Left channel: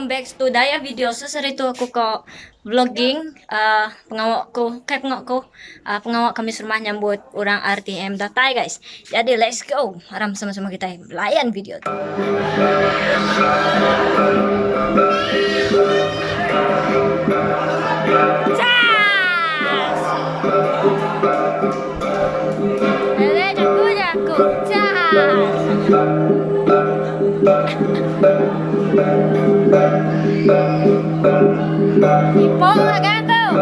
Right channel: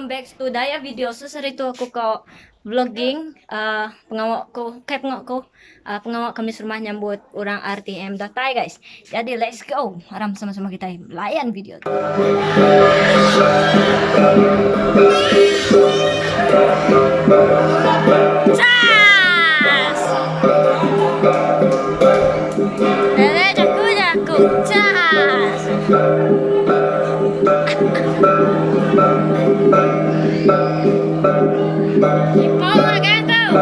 welcome back to Daya Video. Seseritu aku kok vlogging pengawakku kayak pengawak kami rumah nyambut orang RTM datai guys. Jadi let's go. Aram sama-sama kita layan video. Cas. Dede jaku cas. Ipo magang tuh.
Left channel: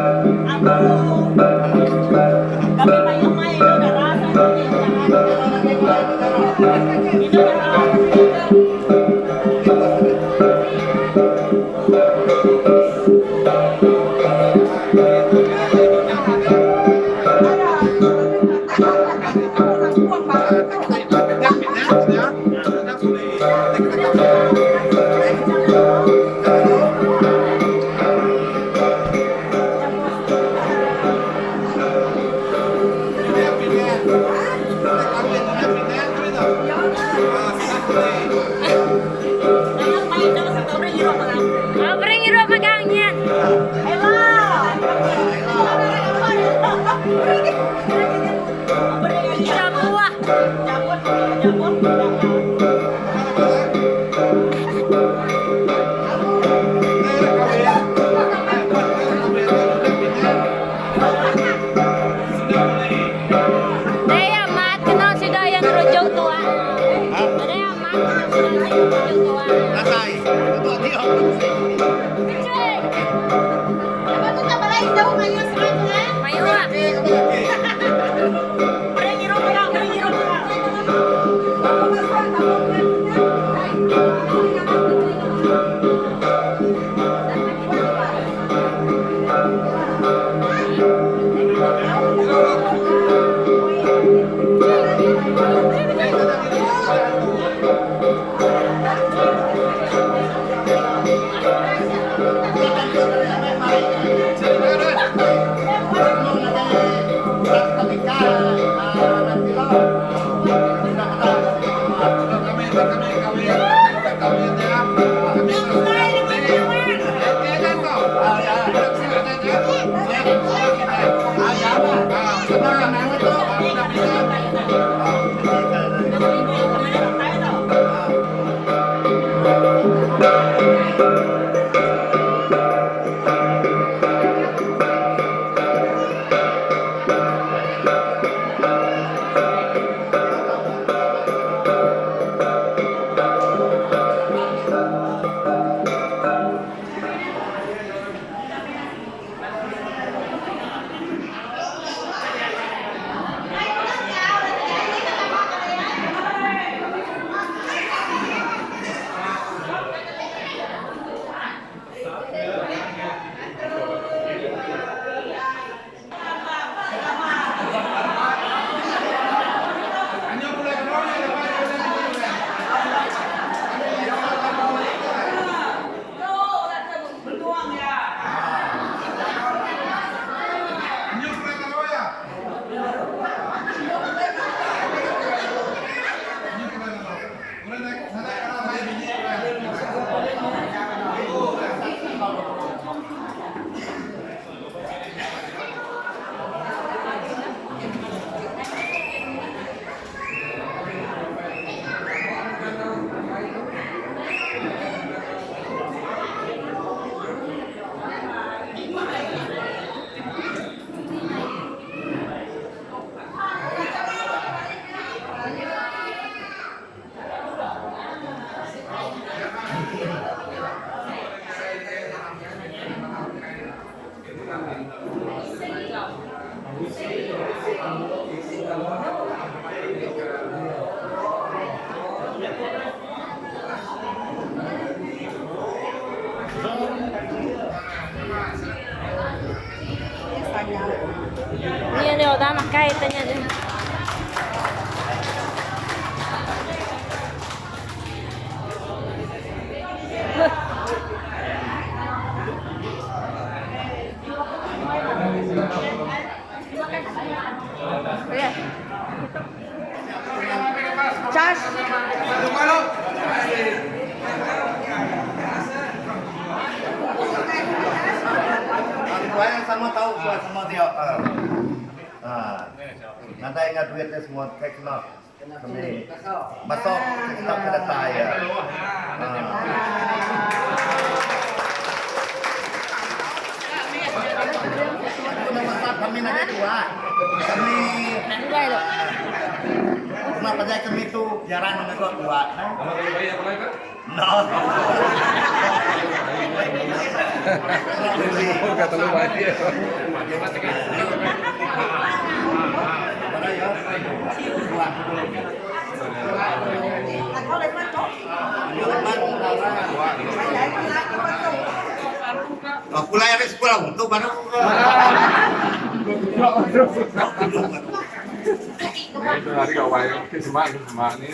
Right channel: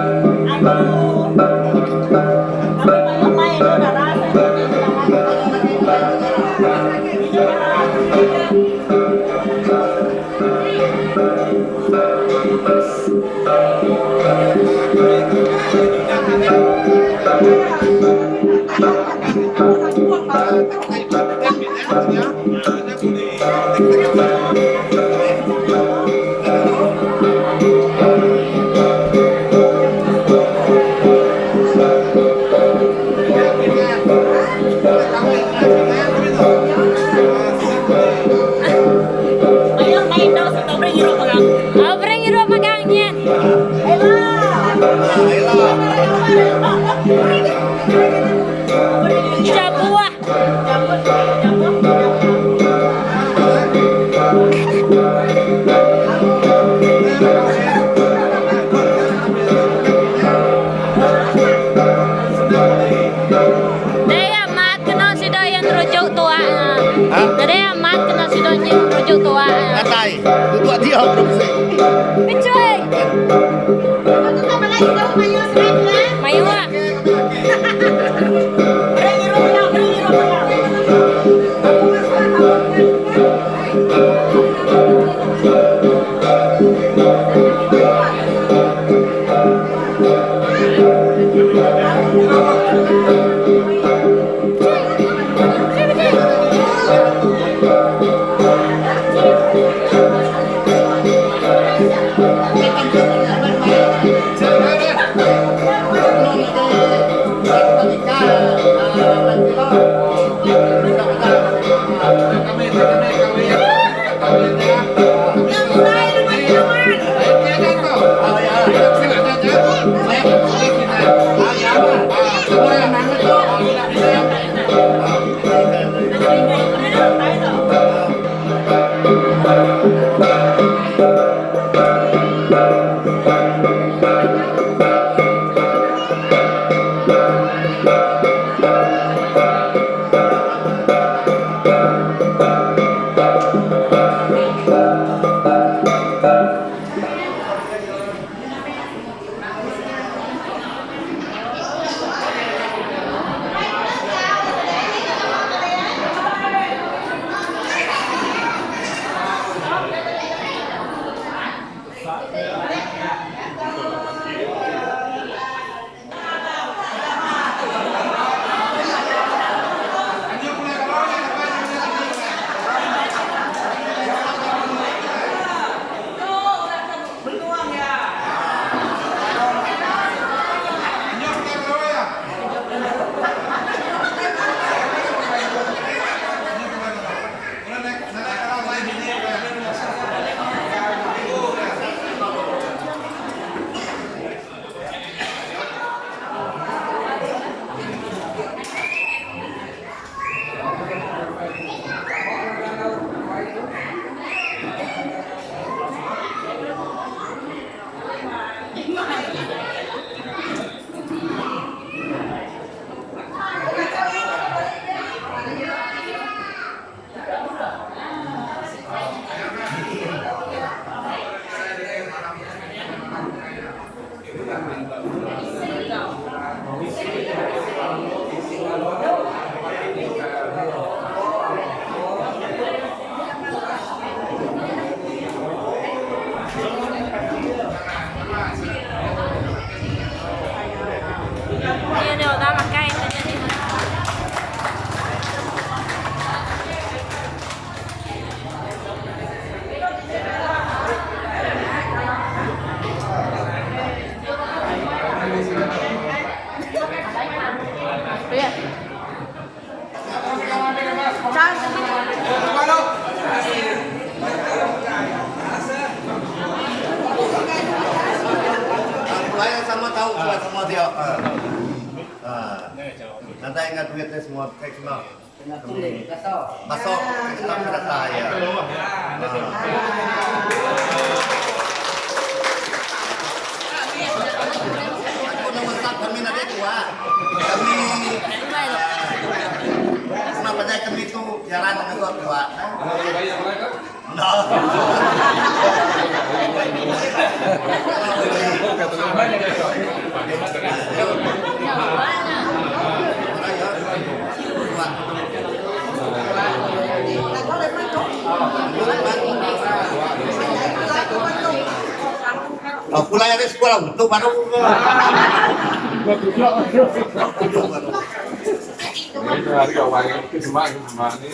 Suai sama tahu, suai sama dia. Nanti ingat duitnya semua kayak gimana? Kami masuk kita ke data ya. Aku nama staff kami nanti tua. Kami kenapa saya kami itu jarang mengegot tua. No. Oh, pulai ada sekolah untuk baru. Ini harga wae cuma ini.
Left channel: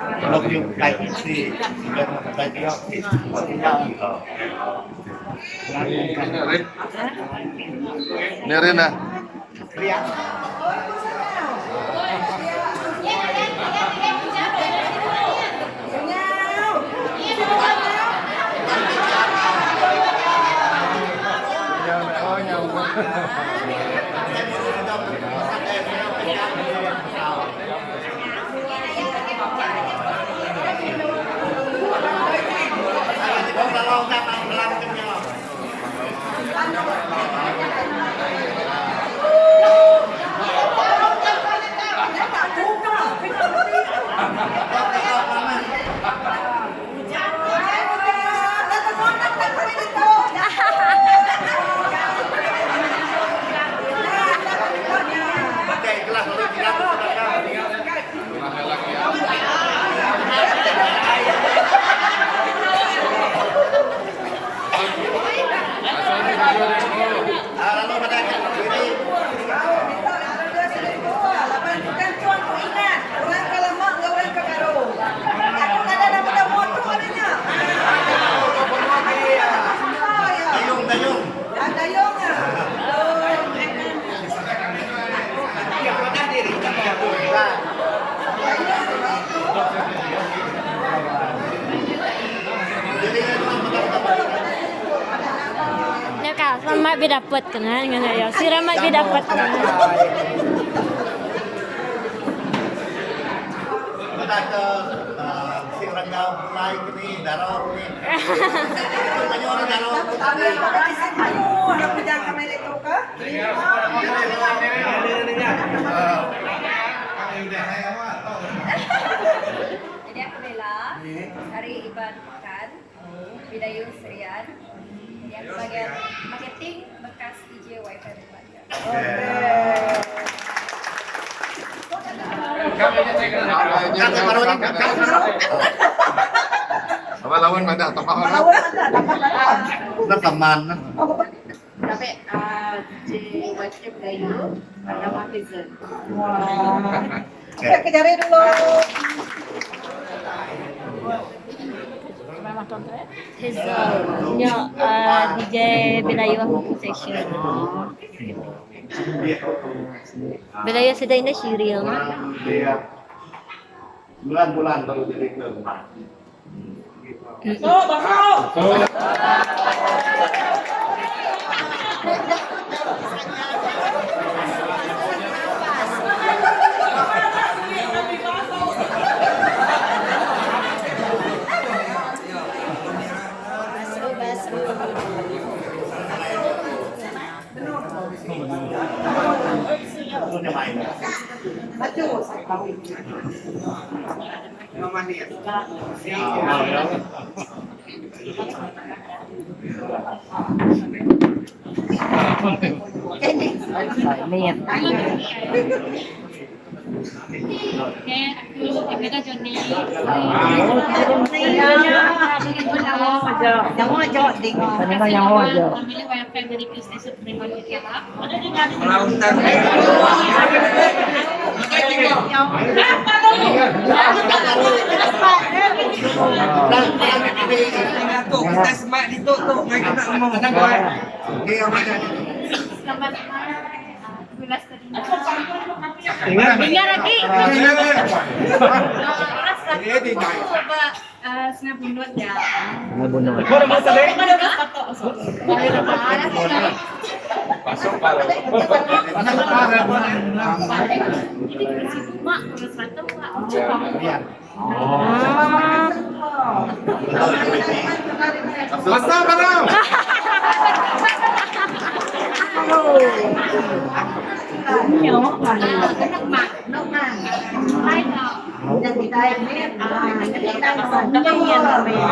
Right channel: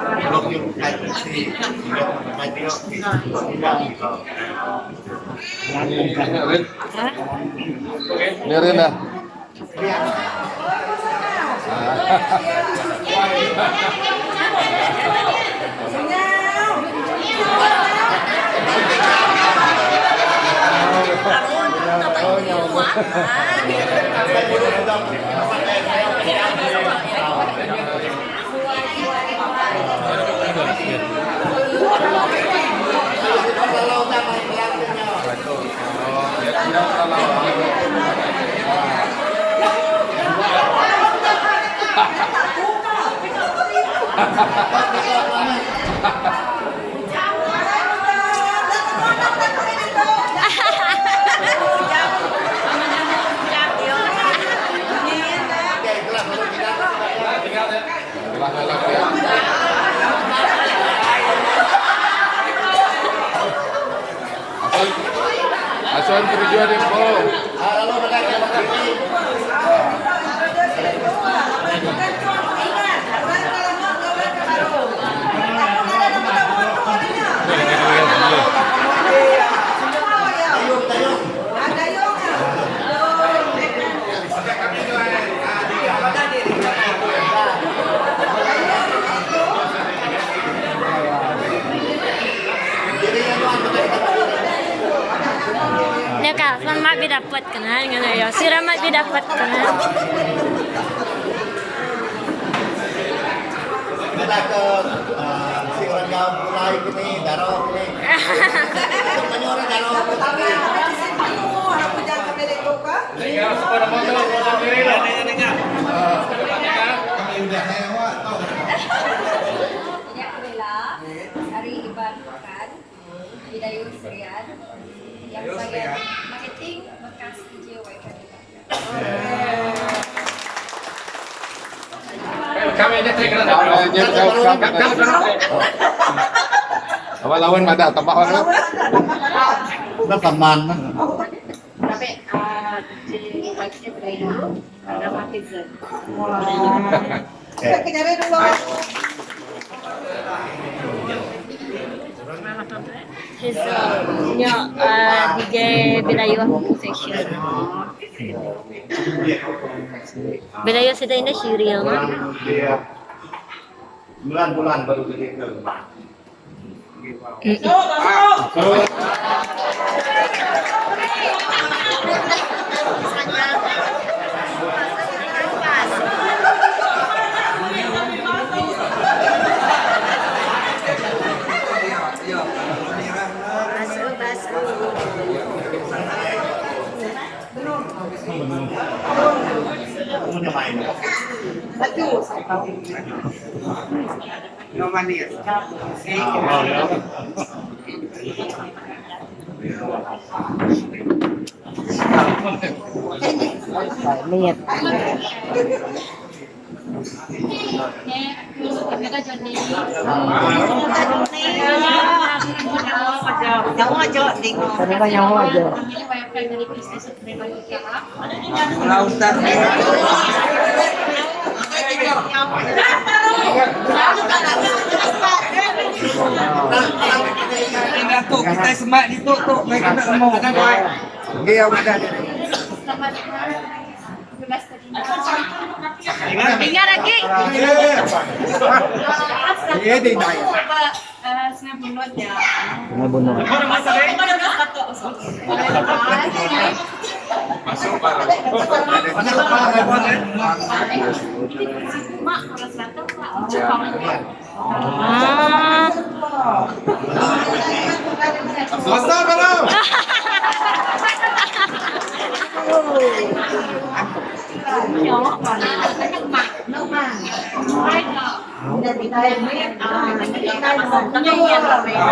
Blok yung kahit si kahit yung Ini rin na. Selamat didapat kena ya. Siramat didapat kena. Kita ke si orang jauh mulai ini daro ini. Menyorong daro. Orang penjaga kamera itu kah? Jadi aku Bella, hari Iban Pekan, Bidayus Rian. Yang bagian marketing bekas DJ Wifi Bupati. Kami aja cek apa lawan pada tempat orang? Kita teman. Tapi DJ Wifi Bidayus ada marketing. Kita cari dulu. His DJ Bilayu session. Bilayu sudah ini serial mah. Bulan-bulan baru begitu. Punya main. Kita semak ditutup mereka tak mau. Dia 15 tadi. Ingat lagi. Setengah bunut ya. Pasok para. Mak, kurang 100 Mak. Ah. Basta pa lang.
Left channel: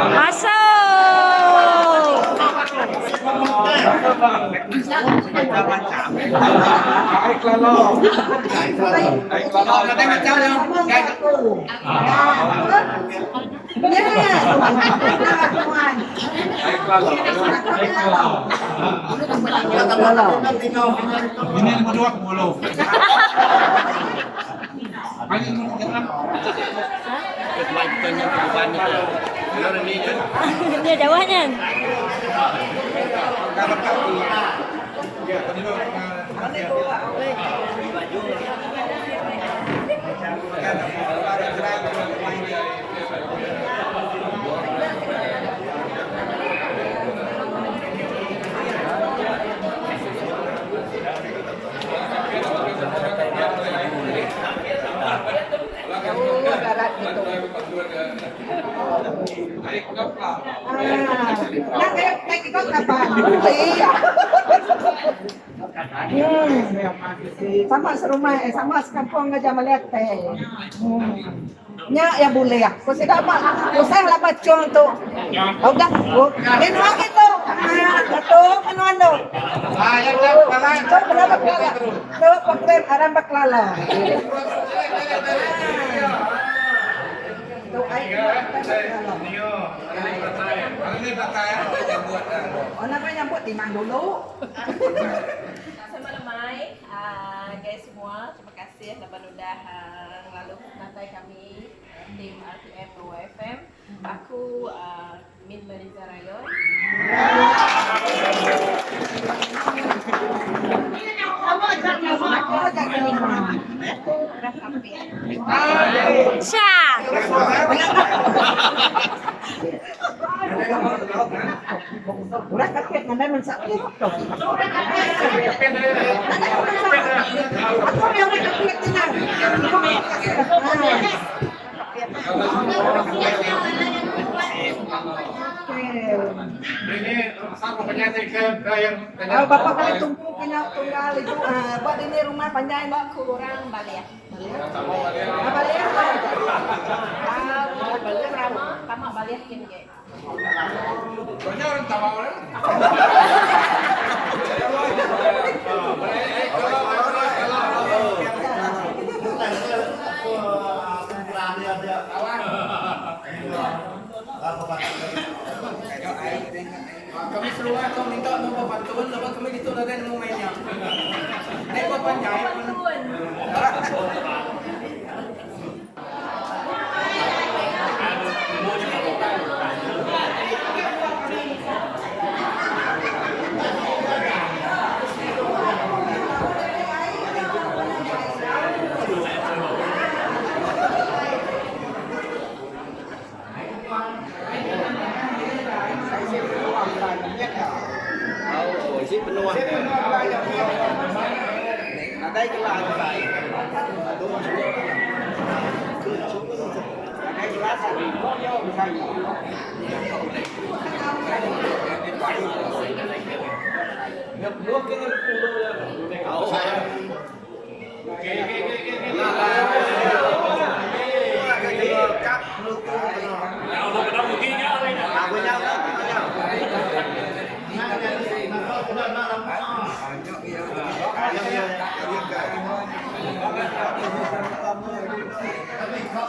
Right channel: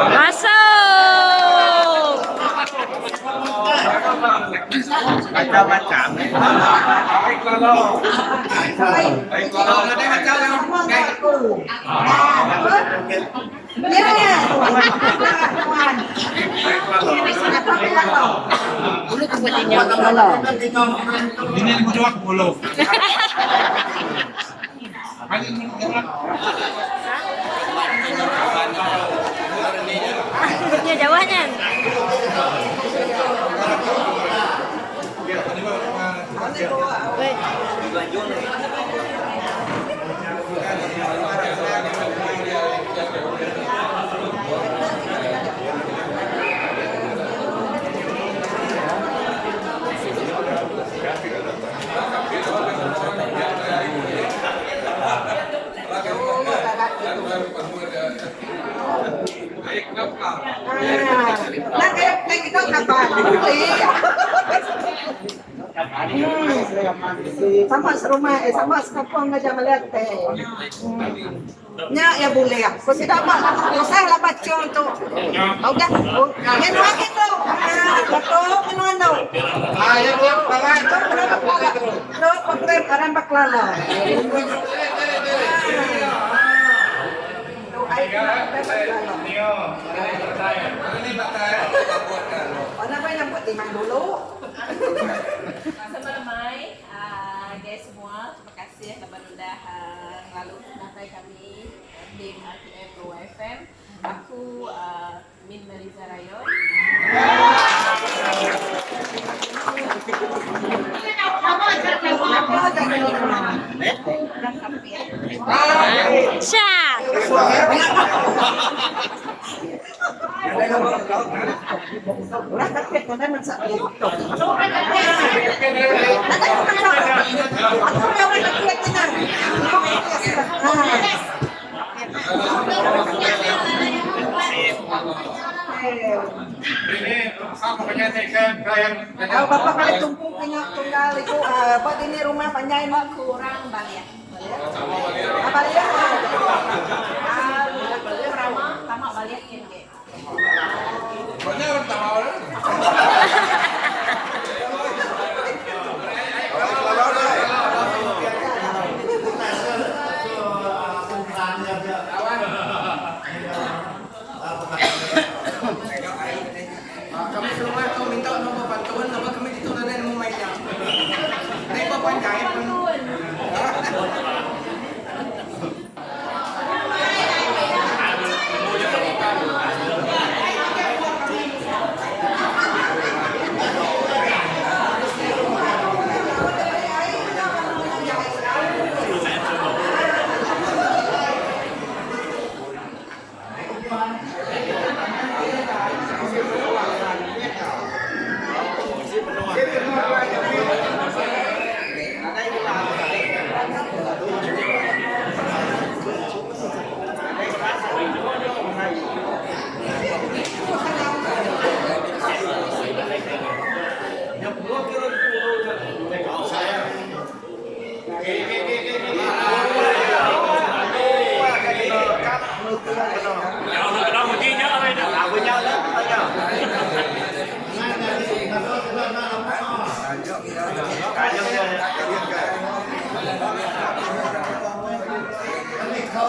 Masuk. Ay, klalo. Ay, klalo. Ada macam ni. Ay, klalo. Ini 50. Paling Punya jawahnya. Sama serumah, sama sekampung aja melihat teh. Nya ya boleh ya. Kau sudah mak, usah lah baca untuk. Oh dah, minuan itu, betul minuan tu. Ayo baklala. Itu berapa kelala? Tu pakai arang baklala. Tu air baklala. Ini bakal buat Oh namanya buat timang dulu. Sama ramai, guys semua, terima kasih telah sudah lalu natai kami tim RTM Pro FM. Aku Min Meliza Rayon. Syah. Ulah kakek mana mensak itu. Ini sama penyanyi ke yang Bapak kali tumpu punya tunggal itu buat ini rumah panjang mak Kurang balik ya. apa ya? Aku ramah, tamak balik kin ke. banyak orang tahu orang. Kami semua kau minta nombor bantuan, apa kami itu ada nombor mainnya. Ini kau panjang.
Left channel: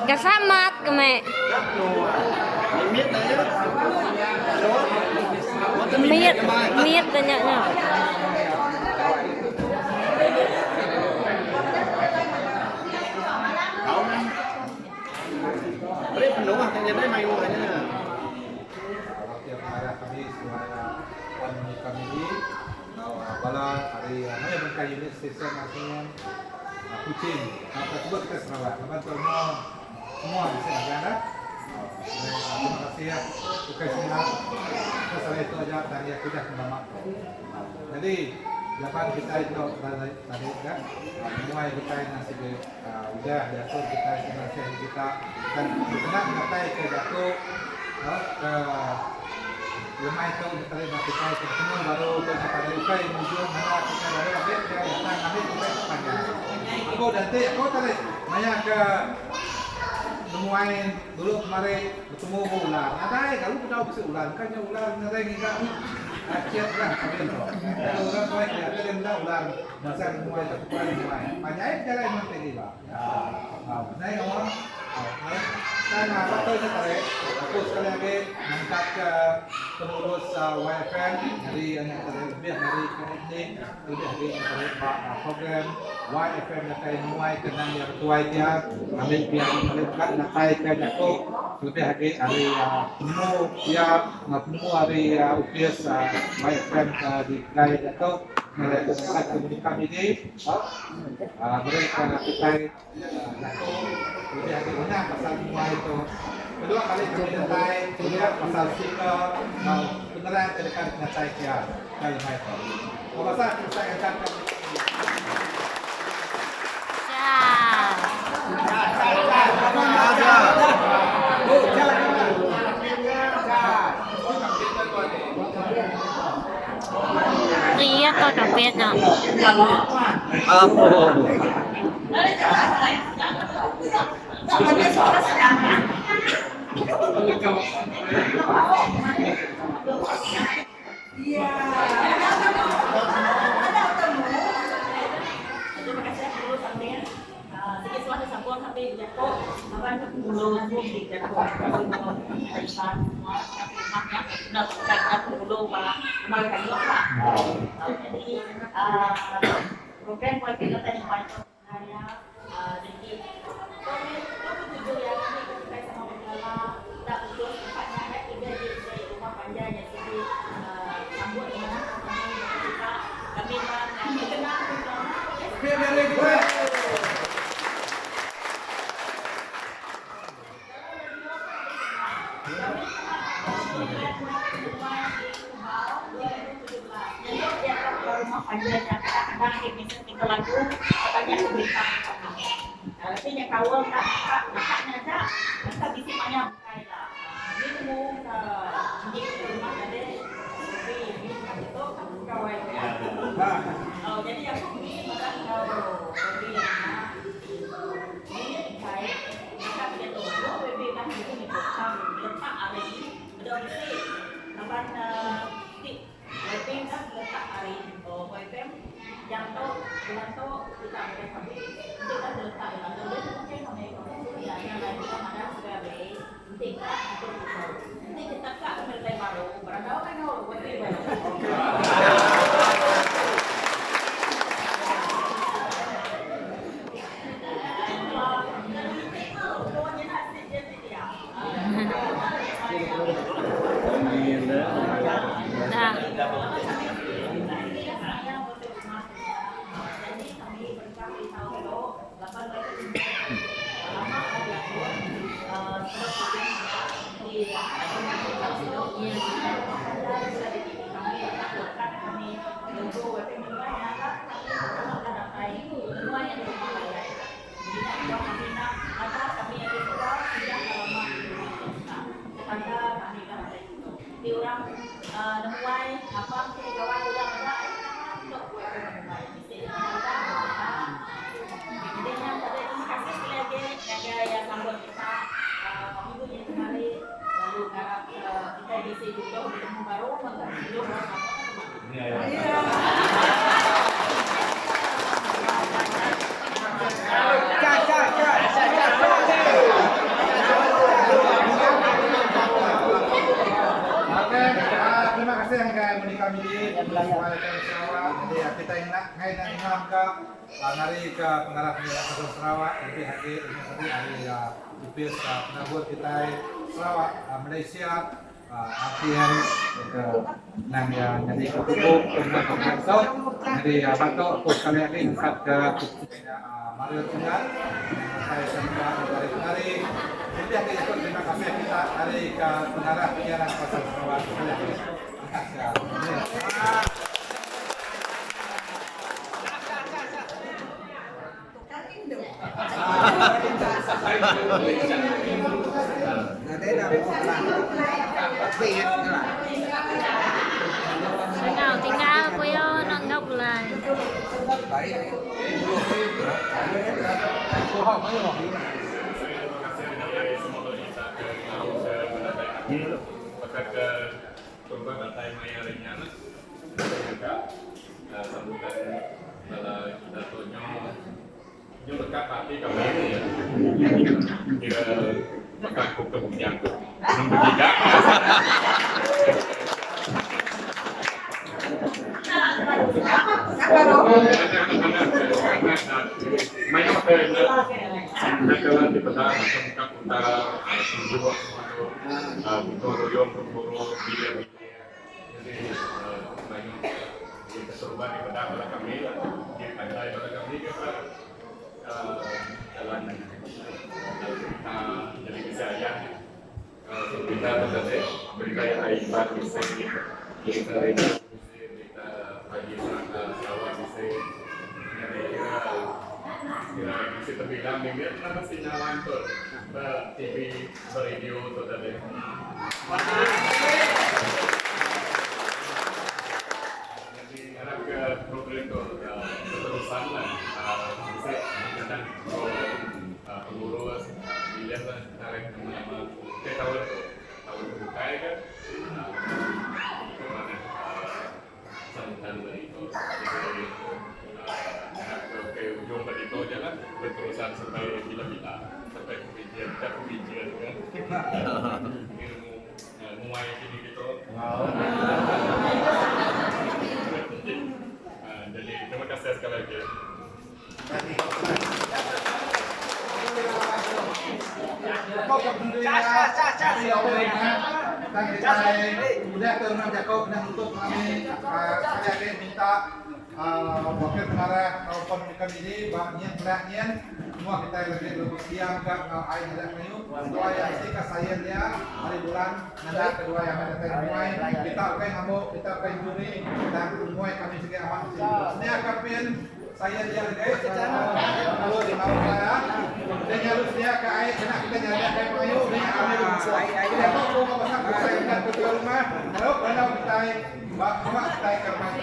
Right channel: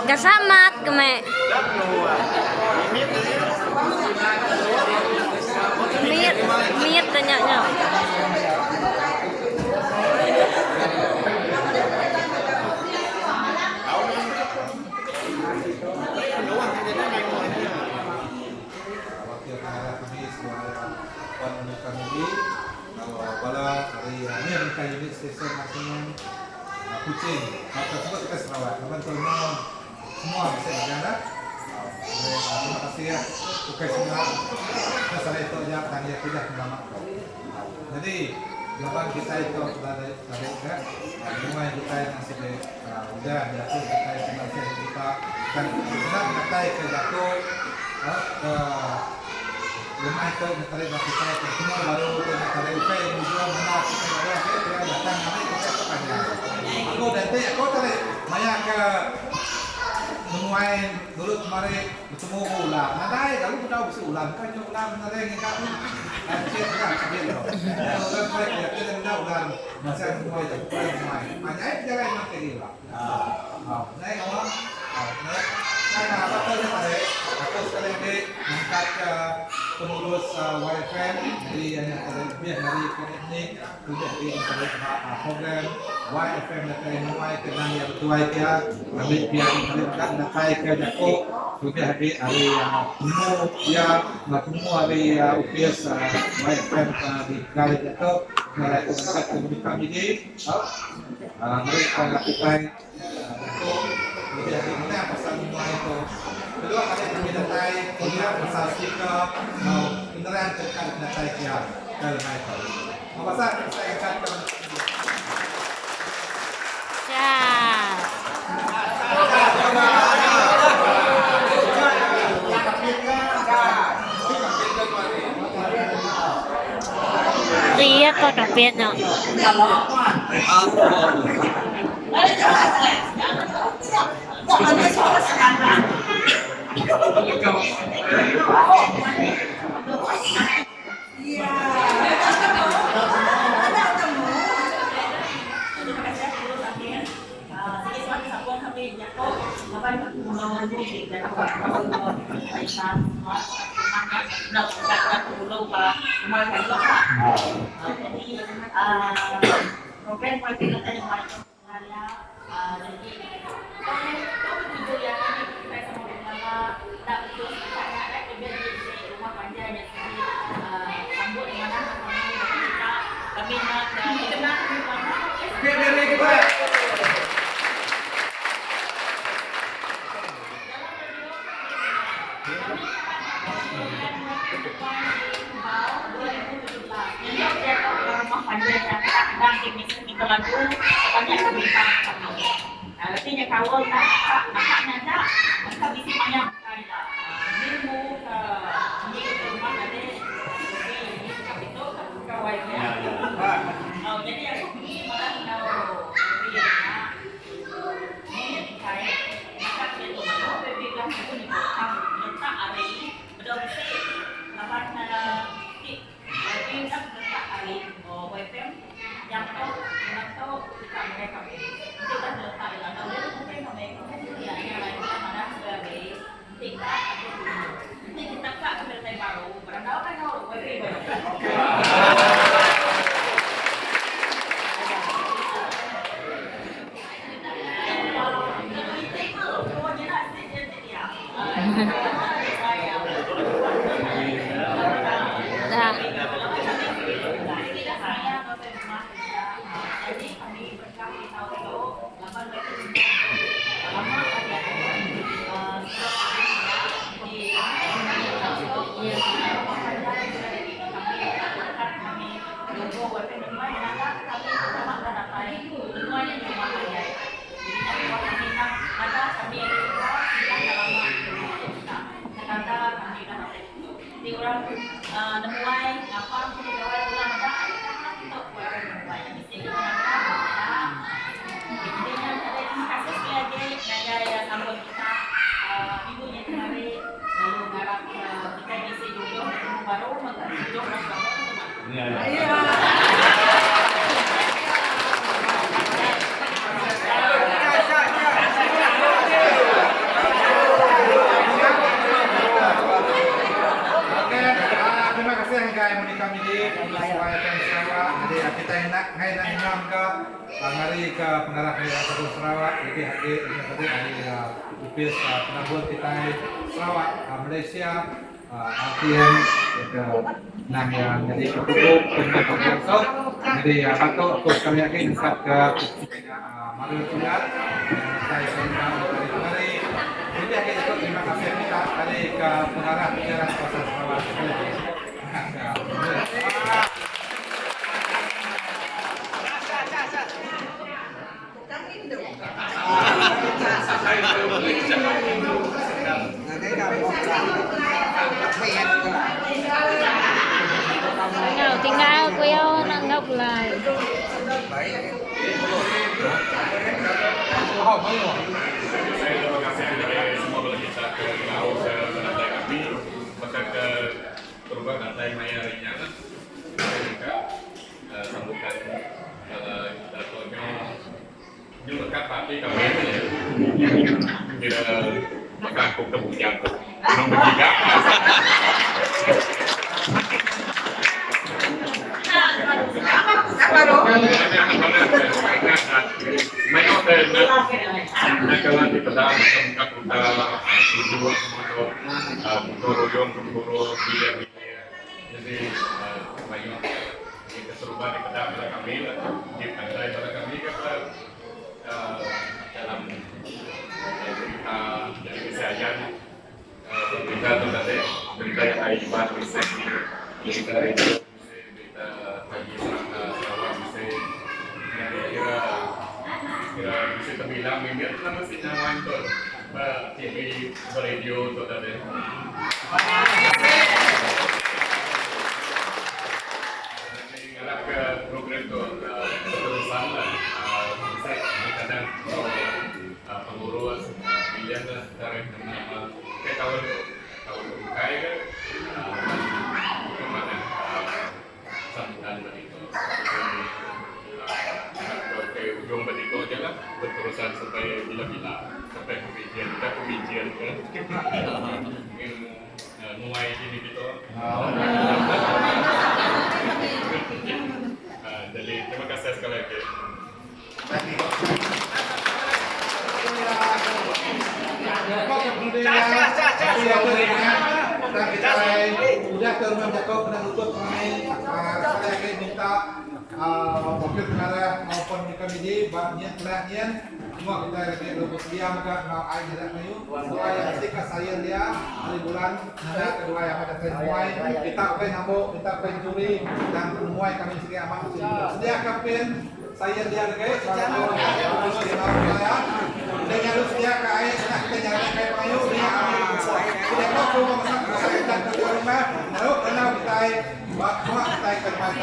Kasamat keme. Minit tanyanya. Bala hari mana minta unit stesen artinya Kucing. Tersebut kita Sarawak. Teman semua bisa ada. Terima kasih ya. Oke semua. Masalah itu aja tanya sudah selamat. Jadi jawaban kita itu tadi kan mulai kita yang sih udah jatuh kita finansial kita kan senang ngatai ke jatuh ke rumah itu nyetari kita itu semua baru ke nyetari oke mujuan mana kita baru oke ya datang kami kita itu panjang aku tadi maya ke nemuin dulu kemarin bertemu ular nadai kalau udah bisa ular kan ular nadai ngikak chatnya sambil loh ular baik ya kita udah ular masih nemuin itu kurang nemuin panjang jalan nanti dia naik ngomong saya patutnya tadi aku sekali lagi mengangkat ke pengurus YFM dari yang lebih dari teknik sudah dari program YFM dari mulai kenang yang ketua dia kami biar melihat nakai ke Jako lebih lagi hari temu ya temu hari UPS YFM di Kaya Jako mulai mengangkat komunitas ini mereka kita Jako lebih lagi mana pasal semua itu kedua kali kami datai punya pasal stiker mau beneran cerita datai dia kalau itu mau pasal kita angkat ke Ria kau dah biết rồi. Program kualitas yang banyak karya jadi kami tujuh ya kita sama bersama tak betul katanya ada kerja di rumah panjang yang jadi sambut di mana kami nak dikenal di mana rumah panjang yang kadang-kadang kita lagu katanya kebintang kami. Artinya kawal nakaknya aja, maka bisi banyak kaya. Ilmu ke rumah ada lebih kapito kawai ya. Jadi aku begini malah tahu lebih ini kaya. Maka dia tu malu lebih kan itu ni bukan letak hari ada bisi lawan Waitem letak hari Waitem yang tahu kita mereka kita letak yang tahu dia mungkin kami ya yang lain kita mana sebagai kita atau nanti kita tak kembali baru berandal kan kalau Waitem baru di orang nemuai apa kita gawai ulang ada untuk nemuai mesti intinya ada terima kasih sekali lagi ada yang sambut kita ibunya kemarin lalu ngarap kita bisa jodoh bertemu baru jodoh bersama teman-teman. Terima kasih yang kami kami di YFM Sarawak. Jadi kita nak ngai nak ngam ke ngari ke pengarah Pendidikan Satu Sarawak. Jadi hari ini tadi hari UPS penabur kita Sarawak Malaysia RTM ke nang yang jadi ketutup untuk jangkau jadi batok aku sekali lagi insat ke Mario Tunggal saya senang dari jadi akhirnya terima kasih kita dari ke pengharap pikiran Kota Sarawak sekali lagi. Tinggal kuyo nanggap mulai. Maka ke perubahan lantai maya ringan sambutan datonya lekat tapi kami ini ya kira makangkuk kebunjang belum begitu mayo na kala di pada macam kakuta tujuh motor royong keburu dia jadi mayo kita serupa di pada pada kami lah di pantai pada kami kita dalam cerita dari kesehatan kita tentang berita yang aibat bisa kita itu berita pagi Sarawak bisa kira bisa terbilang minggu nama sinawan tu TV radio tu tadi. Nanti ke program tu keterusan lah bisa kadang pengurus pilihan lah tarik nama-nama ke tahun bukai kan itu mana sambutan begitu. Ke ujung begitu aja lah berterusan sampai bila-bila sampai pembijian kan mulai ini gitu jadi terima kasih sekali lagi dan kita udah ke rumah Jakob dan untuk kami sekali lagi minta wakil pengarah maupun komisi banyak belakang semua kita lagi untuk diam ke air tidak kayu dua yang ketika saya dia hari bulan nada kedua yang ada muai kita oke nambah kita pencuri dan muai kami segi amat sedia kapin saya dia guys lalu di bawah saya dan harus dia ke air karena kita nyari kayak pengayu dia kami tidak tahu masak saya dan ke rumah lalu karena kita semua kita ke rumah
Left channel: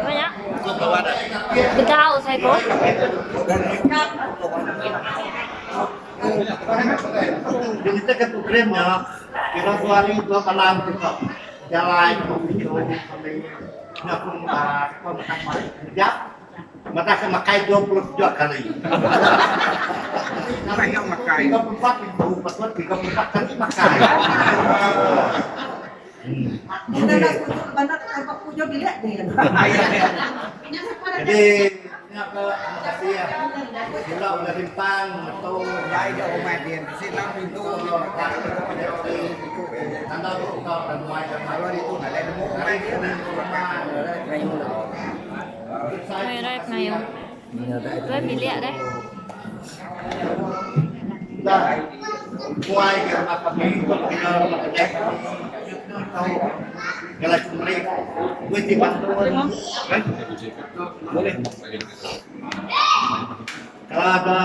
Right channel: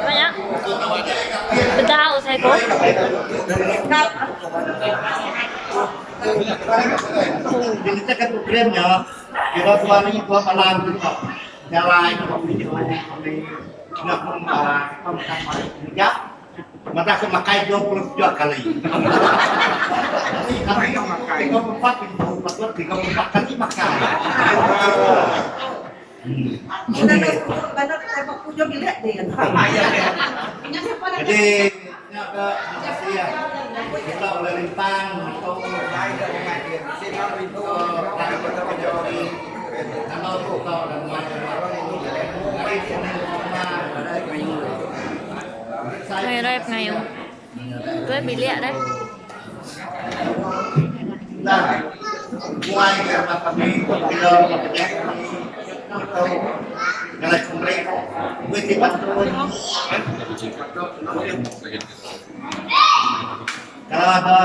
Banyak. Bedau saya kok. Jadi kita programnya kira 2026 kita jalan itu ngapun pemerintah kerja mata semakai 22 kali. Karena yang makai 34 itu betul 34 kali makai. Jadi ya ke makasih ya kita udah rintang atau Ngày rep ngayon. Tôi bị liệt đấy. Ngoài cái mặt kami kita makadek atau galak mereka gue tiba kalau ada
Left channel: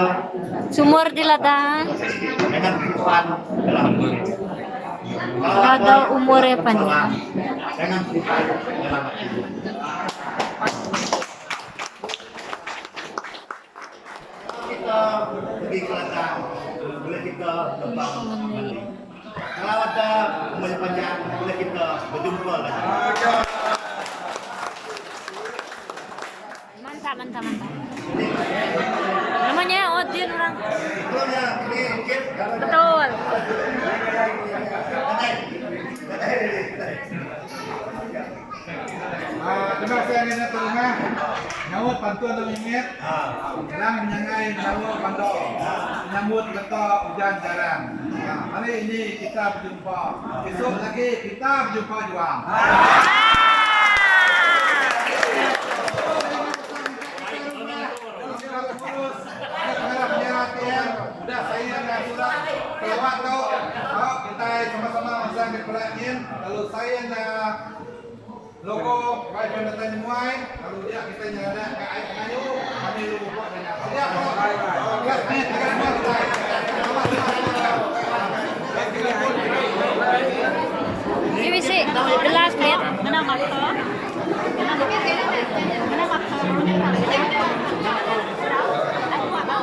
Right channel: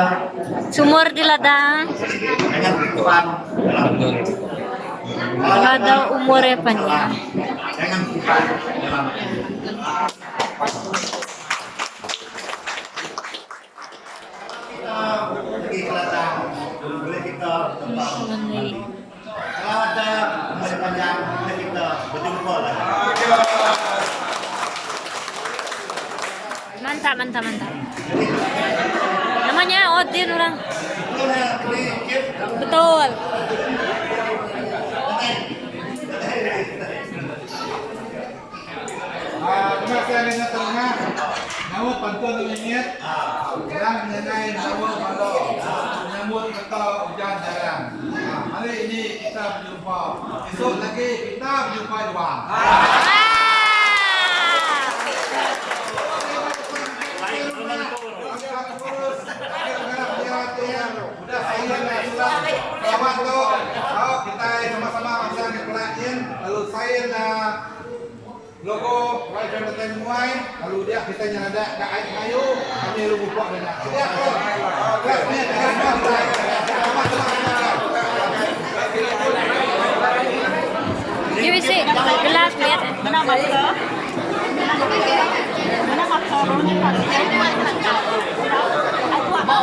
Sumur di ladang. dengan kebutuhan Kalau ada umurnya panjang. dengan kebutuhan dalam kita pergi ke ladang boleh kita tembang mandi. Kalau ada umur panjang boleh kita berjumpa lagi. Mantap, mantap, mantap. Namanya Odin orang. Betul. Coba saya ingat tengah. Nawa pantun ng init. Lang nyangay nawa pando. Nyambut beto hujan jarang. Hari ini kita berjumpa. Esok lagi kita berjumpa juga. Udah saya sudah selamat tuh. Kita sama-sama masang di pelajin. Lalu saya logo YFM Datai Muay. Lalu dia kita nyada ke air kayu. Kami lu buat banyak. Siap kok. Kelasnya dengan kita. Sama-sama. Give me see gelas lihat. Kenapa kau? Kenapa kau? Aku apa?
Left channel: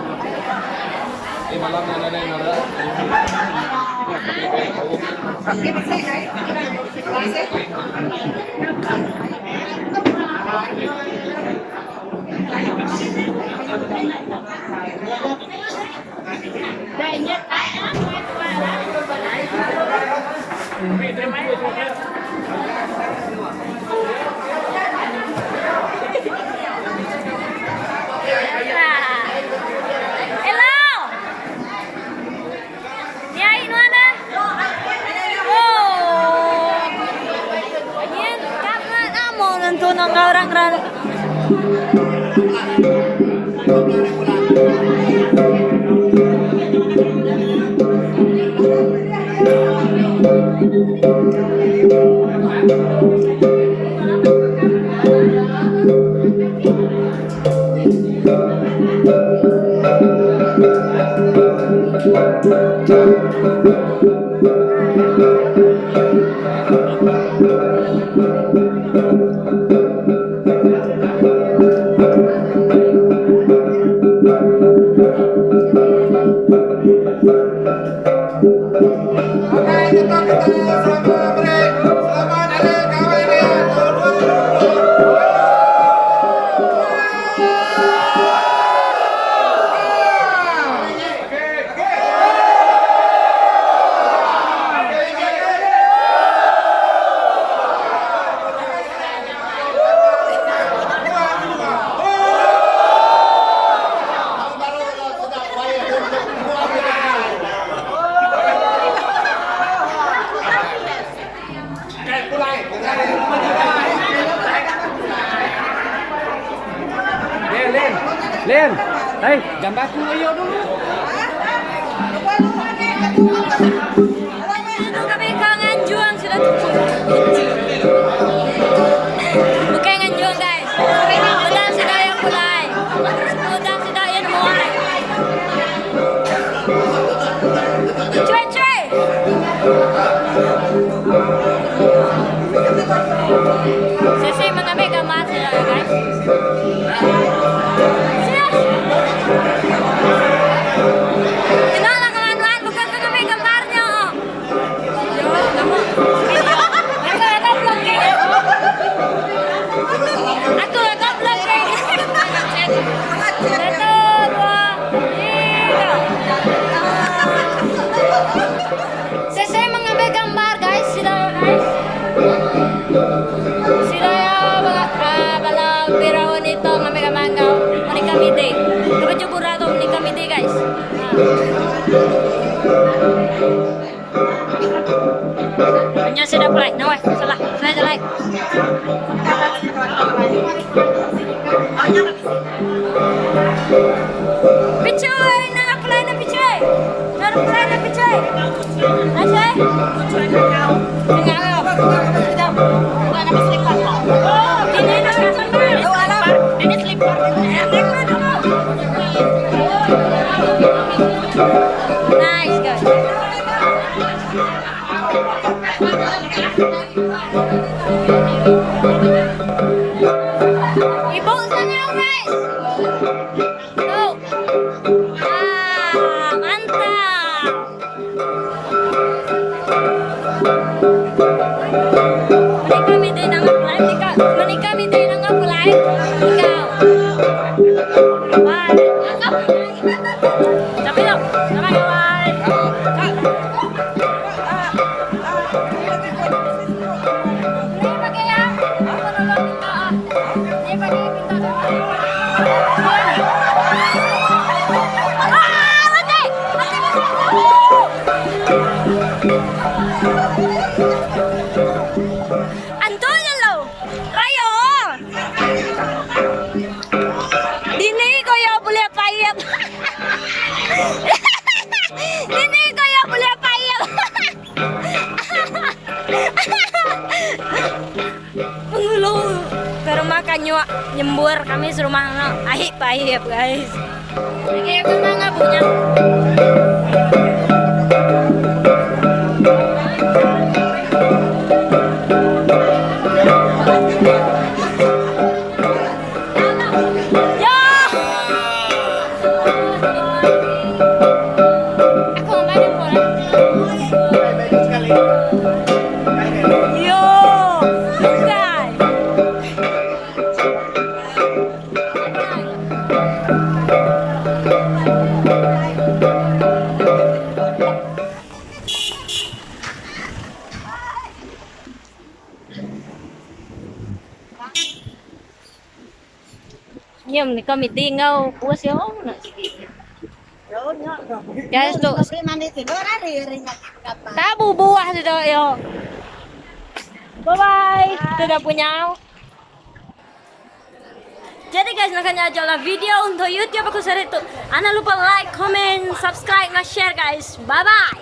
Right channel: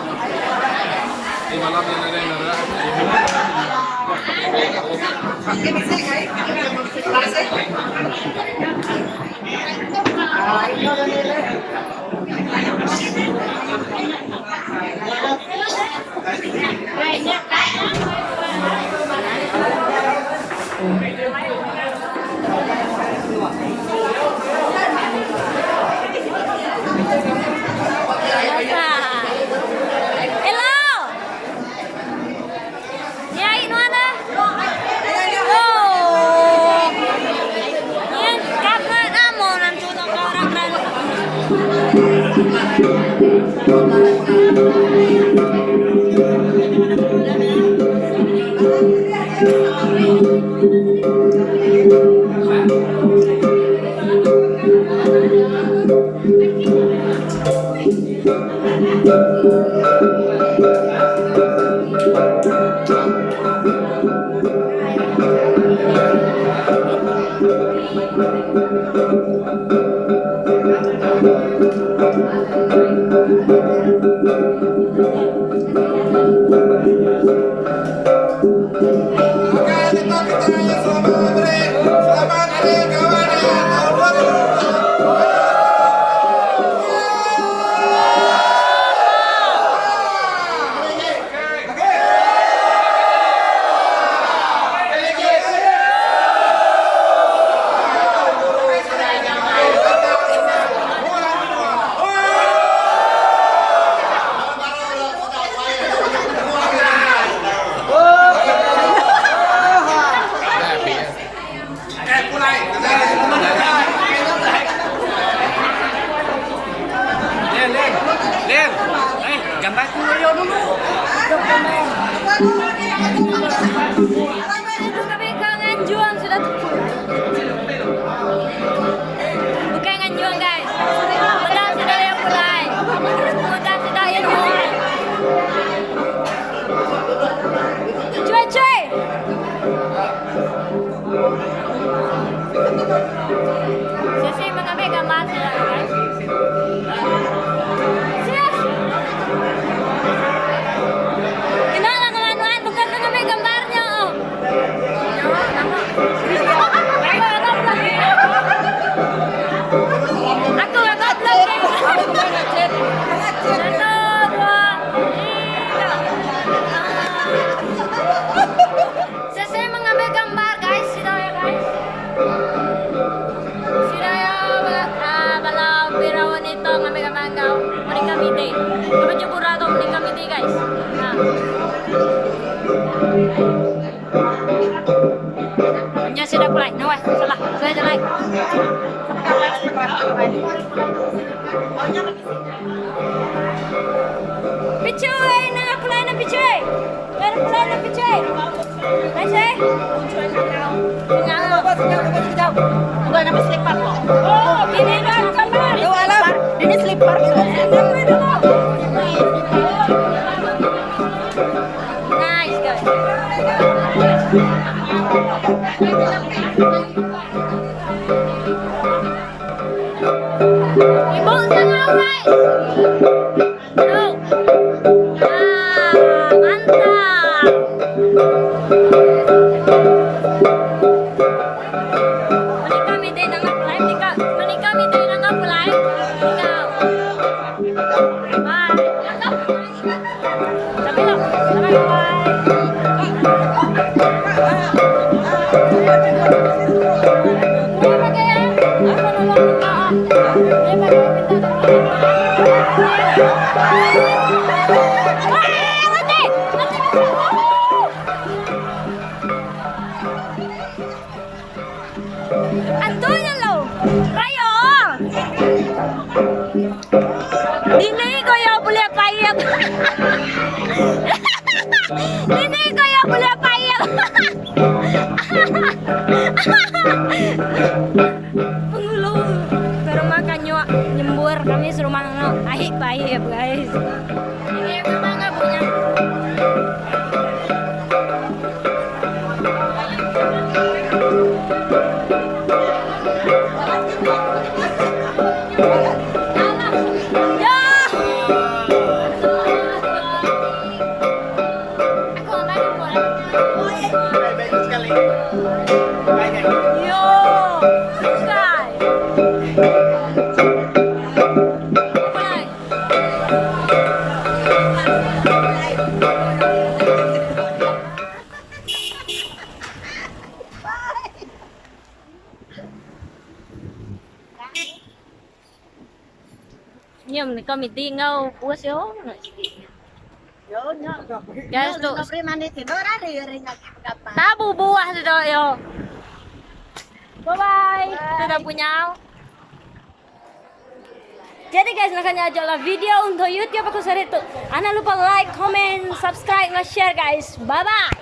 Kami kangen juang sudah tumpul. Bukan nganjuang guys. Udah sudah yang mulai. Udah sudah yang mulai. Cuy cuy. Sesi mengambil gambar sudah guys. Serius. Gimana kawan-kawan? Bukan mengambil gambarnya. Yo, nama. Aku agak vlogging. 1, 2, 3. Saya mengambil gambar guys, sudah ya guys. Sudah ya bala birawan itu mengambil gambar kau. Menikah mide. Kebecu atau menikah mide guys. Hanya sudah mulai. Nah, salah. Saya jelek. Picuy, nang apply na picuy. Nang apply na picuy. Nasay? Ngaw. Wala na slipper. Oh, dini na slipper. Wala. Dini slipper. Nice guys. Ibong sangaw guys. No. Mantap. Kami din ang apply. Kami din ang apply. Ikaw. Bye. Sabi lo. Sama kawan. Terima kasih ya. Ako na lang Antunya lo, Rayo. Dini kaya boleh payap. Dini kaya boleh payap. Pengulo, pero makanya nyembur kami serumah no, ahik payap guys. Kayak mana punya? Nhưng mà có mì tiên đâu, bữa xíu nữa. Guys, look. Tabu buah dito, yo. Bye-bye. Sudah punya. Jadi guys, nakanya aja lah video untuk YouTube aku share itu. Jangan lupa like, comment, subscribe, share guys. Bye-bye.